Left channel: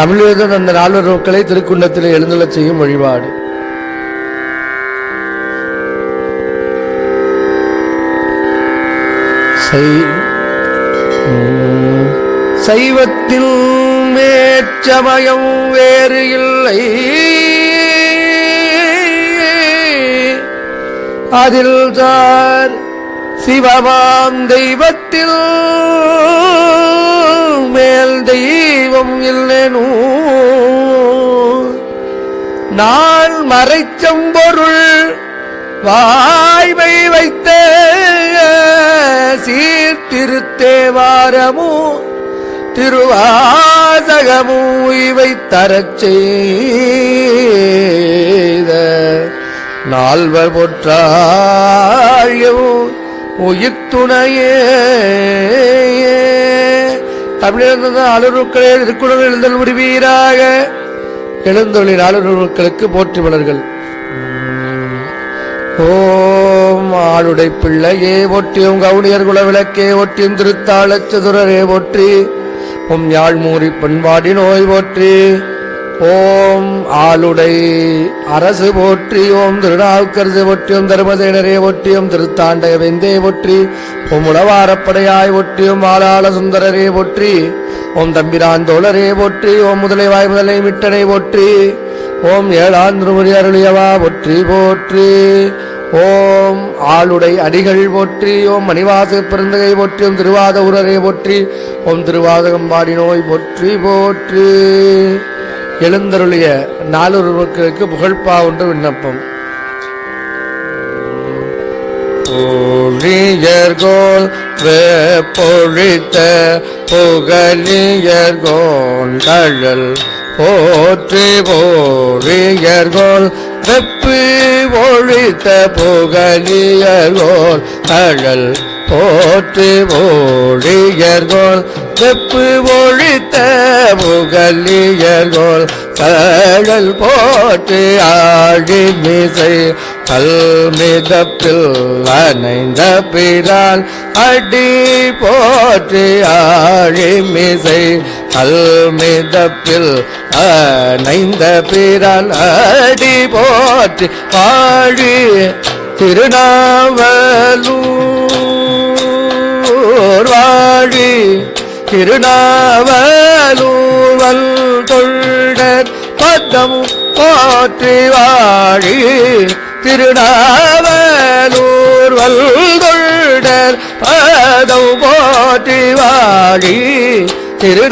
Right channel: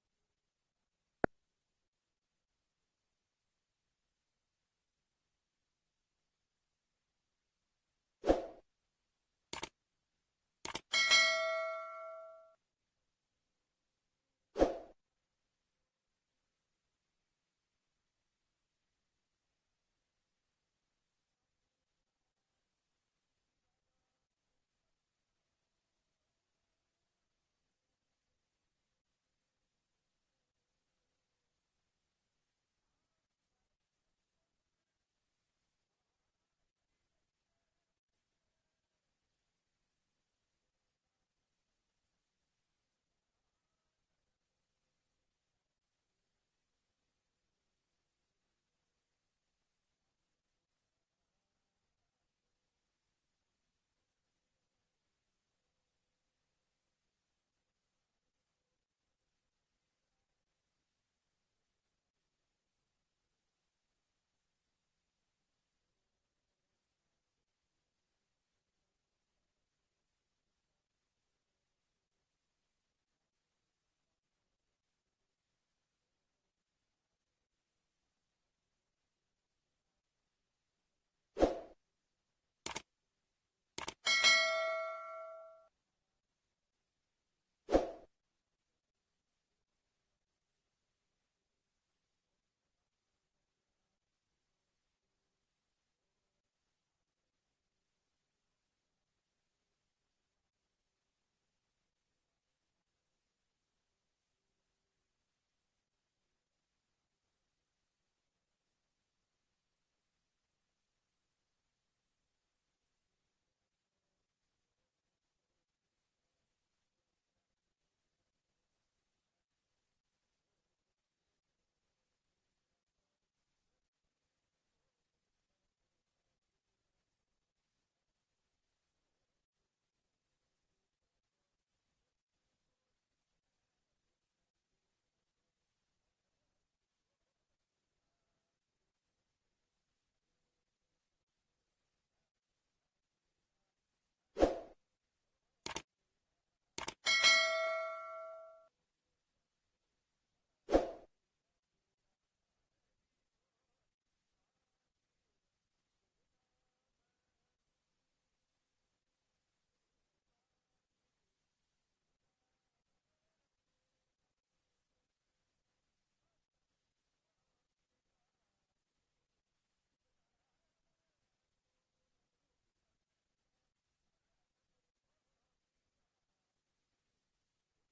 தமிழர்கள் அந்த நால்வர் நோக்களை திருக்குண்டத்தில் எழுந்துள்ளச் செய்யும் வழிபாடு. சைவத்தில் மேச்சமயம் வேறு இல்லை. அதில் தான் சிவமாம் தெய்வத்தில் நான் மறைச்சம்பொருள் வாய்மை வைத்த சீர்திருத்தேவாரமோ திருவாசகமோ இவை தரச் செய்த. நால்வர் பொற்றாழியோ உயிர்த்துணையே தமிழர் அலுவலுக்களே திருக்குறள் எழுந்தல் முடிவீராக எழுந்தொழிலாளர்களுக்கு போற்றி வளர்கள் ஓம் ஆளுடை பிள்ளையே ஒட்டியும் கவுனியர் குல விளக்கே ஒட்டியும் திருத்தாளச்சதுரரே ஒற்றி ஓம் யாழ்மூரி பண்பாடி நோய் போற்றி ஓம் ஆளுடை அரசு போற்றி ஓம் திருநாவுக்கரசு ஒற்றியும் தர்மதேனரே ஒட்டியும் திருத்தாண்டக வெந்தே ஒற்றி உம் உளவாரப்படையாய் ஒட்டியும் ஆளாள சுந்தரரே ஒற்றி ஓம் தம்பிரான் தோழரே போற்றி ஓம் முதலைவாய் முதலை மிட்டனை போற்றி ஓம் ஏழாந்திருமுறி அருளியவா போற்றி போற்றி. ஓம் ஆளுடை அடிகள் போற்றி ஓம் மணிவாச பிறந்தகை போற்றி ஓம் திருவாத உரரை போற்றி ஓம் திருவாதகம்பாடி நோய் போற்றி போற்றி. எழுந்தருளிய நாலொரு மக்களுக்கு புகழ்பா ஒன்று விண்ணப்பம். பொழியர்கோல் பொழித்த புகழியர்கோன் கழல் போற்றி போழியர்கோல் வெப்பி ஒழித்த புகழியர்கோல் கழல் போற்றி போழியர்கோல் வெப்பு ஒழித்த புகழியர்கோல் கழல் போற்றி ஆழி மிசை கல்மிதப்பில் அணைந்த பிறால் அடி போற்றி ஆழிமிசை. கல்மிதப்பில் அணைந்த பிறால் அடி போற்றி ஆழி திருநாவலூர் வாழி. திருநாவலூர் வல் தொண்டர் பதம் போற்றி வாழி. திருநாவலூர் வல்கொள்டர் பதம் போற்றி வாழி. திருநாவலூர்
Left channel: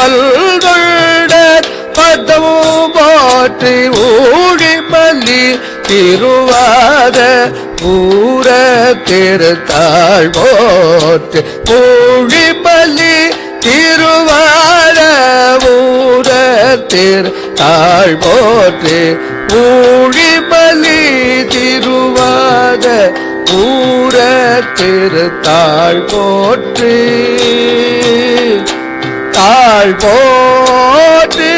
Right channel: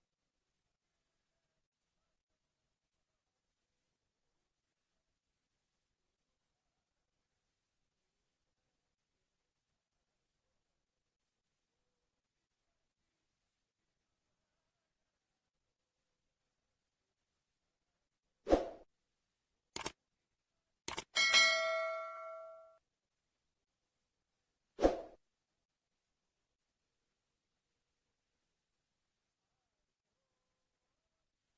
வல்கொள்டர் பதம் போற்றி ஊழி மல்லி. திருவாத பூர திருத்தாள் போற்றி ஊழி மல்லி. திருவாத ஊர திரு திருத்தாள் போற்றி ஊழிபலி திருவாத ஊர திருத்தாள் போற்று. தாழ் போற்று